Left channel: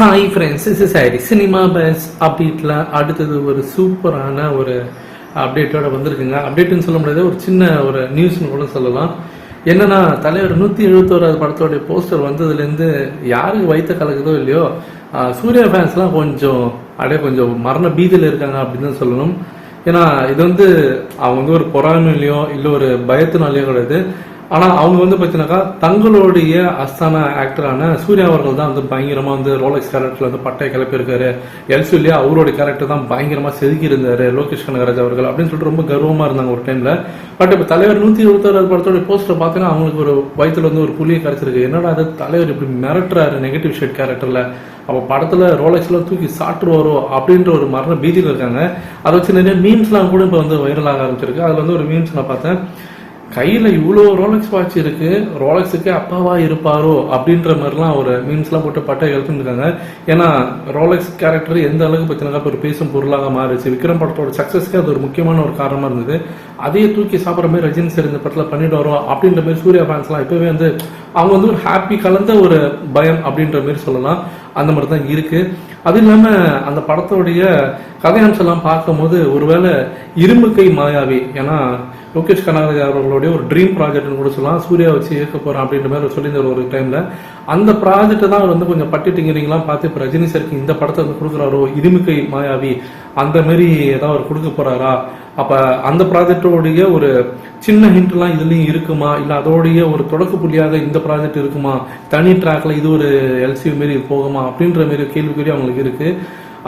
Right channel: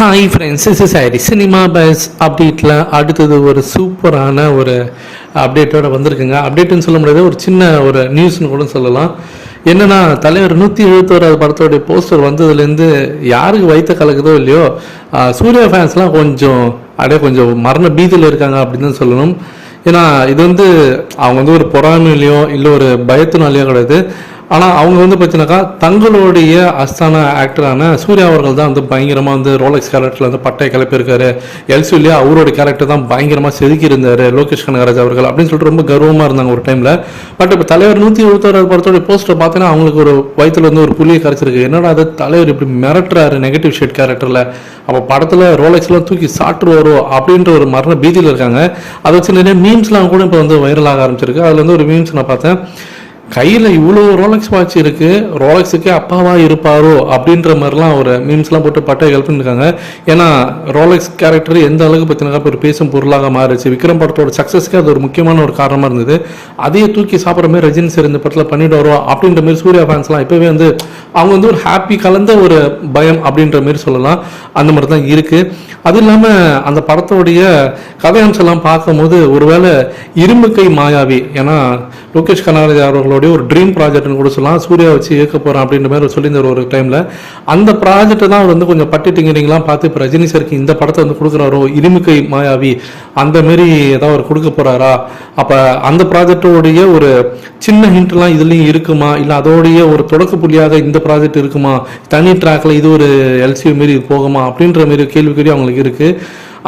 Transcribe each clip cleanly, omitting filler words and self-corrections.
Hi friends, is sorry cinema bus அப்டேட்டில் அடுத்தது ஒரு சூப்பரான ஒரு அப்டேட்டோட வந்திருக்குங்க. அப்டேட்டுன்னு சொல்ல முடியாது, ஒரு சின்ன ஒரு நியூஸ்னு கூட சொல்லலாம். என்னன்னா, தலைவர் 171 படத்தோடைய போஸ்டர் வந்ததுலேருந்து யாருக்கு வயிற்ற கலக்குதோ இல்லையோ, சூர்யா ஃபேன்ஸ்லாம் கொஞ்சம் மரண பீதியில் இருக்காங்க அப்படின்னு தான் சொல்லணும். ஏன்னா இது அவங்க ஒரு பொறாமையிலையோ இல்லை ஒரு பயத்தினாலேயோ கிடையாது. ஆனால் அவங்க பார்த்தீங்கன்னாக்கா தங்களுடைய அஸ்தான ஆக்டரான சூர்யா அவர்கள் தான் பயங்கரமாக ரோலக்ஸ் கேரக்டரில் பட்டையை கிளப்பியிருக்காரு. எல்சியூலேயே அவரோட கேரக்டர் தான் பயங்கரமாக செதுக்கி இருந்தார் லோகேஷ் கனகராஜ் அவர்கள் அப்படின்னு சொல்லிட்டு ரொம்ப கர்வமாக இருந்தாங்க ஒரு டைமில். பட் இப்போ தலைவர் 171 படத்தோட போஸ்டர் பார்த்தீங்கன்னா அவங்களுக்கு ஒரு வயிற்றுல ஒரு புள்ளியை கரைச்சிருக்கு. என்னடா அது தலைவர் இப்படி மிரட்டுறாரு நெகட்டிவ் ஷேட் கேரக்டரில், அப்போ படத்தில் ரோலக்ஸ்லாம் தூக்கி சாப்பிட்டுருவாரோ அப்படின்ற ஒரு மரண பீதியில் இருக்காங்க. அதை வச்சு நிறைய மீம்ஸ்லாம் கூட இப்போ வைரலாக ஆரம்பிச்சிருக்கு. அதில் ஒரு மீம்ஸ் நான் பார்த்தேன், கையில் இவ்வளோ ரோலக்ஸ் வாட்ச் இருக்குது, ரோலக்ஸுக்கு அப்பாவா இருப்பாரோ அப்படின்ற மாதிரிலாம் ஒரு மீம்ஸ்லாம் போட்டு பட்டையை ஹெல்ப் பண்ணியிருக்காங்க. ஏன்னா ரோலக்ஸ் கேரக்டர் எந்த அளவுக்கு பார்த்தீங்கன்னா ஒரு பேசும் பொருளாக மாறிச்சு. விக்ரம் படத்தோட சக்ஸஸ்க்கு அது ஒரு முக்கியமான ஒரு காரணமாக இருந்தது. அதையே தூக்கி சாப்பிட்ற மாதிரி ரஜினி சார் இந்த படத்தில் பண்ணிவிடுவாரோ அப்படின்ற மாதிரி சூர்யா ஃபேன்ஸ்லாம் இப்போவே அவங்க ஒரு ஹாப்பி கலந்த ஒரு பயம் அப்படின்ற மாதிரி சொல்லலாம். அந்த மாதிரி தான் இருக்குது. அது இல்லாமல் அந்த படத்தோடைய கதையம்செல்லாம் பார்க்கும்போது ஒருவேளை இரும்பு கை மாயாவி, ஏன்னா லோகேஷ் கனகராஜ் அவர்களுடைய ஒரு ட்ரீம் ப்ராஜெக்ட்னு கூட சொல்லலாம், சூர்யா வச்சு இயக்க போகிறேன் அப்படின்ற மாதிரி சொல்லியிருந்தார் ஒரு டைமில். அந்த ப்ராஜெக்டை தான் அவர் கொஞ்சம் பட்டி டிங்கரிங்லாம் பார்த்து இப்போ ரஜினி சாருக்கு இந்த படத்தை கொடுக்குறாரோ, இரும்பு கை மாயாவி அந்த மாரி ஏதாவது அவர் கொடுக்க போகிறாரா, அப்போ அந்த ப்ராஜெக்டோடைய ஒரு சின்ன ஹிண்ட்லாம் இதுலேயும் இருக்குமா, இல்லை அதோடைய ஒரு தொடக்க புள்ளியாக இந்த ப்ராஜெக்ட் இருக்குமா, தனி ட்ராக்ல இது ஒரு எல்சியூ மாரி போகுமா அப்படின்ற மாரி கேள்விக்குறி அவங்களுக்கு இருக்குது.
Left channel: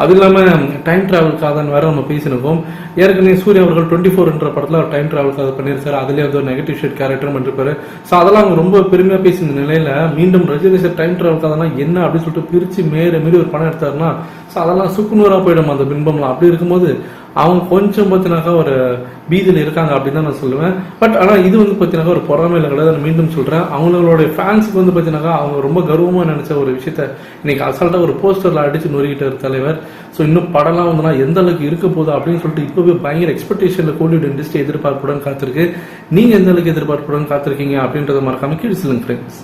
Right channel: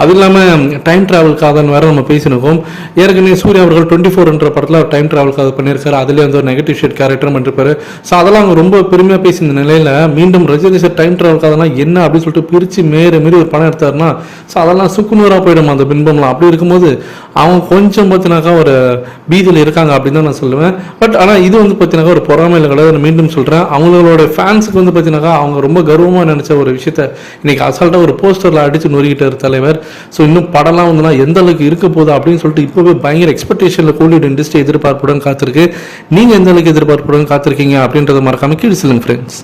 அது இல்லாமல் டைம் ட்ராவல்காக வேறு நம்ம பேசியிருக்கோம். ஏற்கனவே சூர்யா அவர்கள் 24 படத்தில் டைம் ட்ராவல்காக பண்ணியிருக்காரு. அதுலேயே ஒரு நெகட்டிவ் ஷேட் கேரக்டர் பண்ணிருப்பாரு. ஸோ அதெல்லாம் அவங்க ரொம்ப பெருமையாக பேசின நிலையில் மீண்டும் ரஜினி சார் டைம் ட்ராவல்காகனா என்ன அப்படின்னு சொல்லிட்டு பிரித்து மாரி ஒரு படம் எடுத்தாருன்னா, ஸோ அதெல்லாம் சுக்குநூறாக போயிடும் அந்த பின்பம்லாம். அப்படி இருக்கும்போது அவங்க கொஞ்சம் பார்த்தினாக்கா ஒரு பீதியில் இருக்காங்க அப்படின்னு தான் நான் சொல்லுவேன். பட் ஆனால் இது பார்த்தினாக்கா ஒரு பொறாமையில் கிடையாது. மீண்டும் சொல்கிறேன், அவங்களோட ஃபேன்ஸுக்கு பார்த்தினாக்கா அவங்க ரொம்ப கர்வமாக நினச்ச ஒரு விஷயத்த இன்னைக்கு அசால்ட்டாக ஒரு போஸ்டரில் அடித்து நொறுக்கிட்டார் தலைவர். ஸோ இன்னும் படம்லாம் எந்த அளவுக்கு இருக்க போகுது அப்படின்னு சொல்லிட்டு இப்போவே பயங்கர எக்ஸ்பெக்டேஷனில் கோலிவுட் இண்டஸ்ட்ரி எதிர்பார்ப்புடன் காத்திருக்கு. நீங்கள் எந்த அளவுக்கு எதிர்பார்ப்புடன் காத்திருக்கீங்க அப்படின்றத மறக்காம கீழே சொல்லுங்க ஃப்ரெண்ட்ஸ்.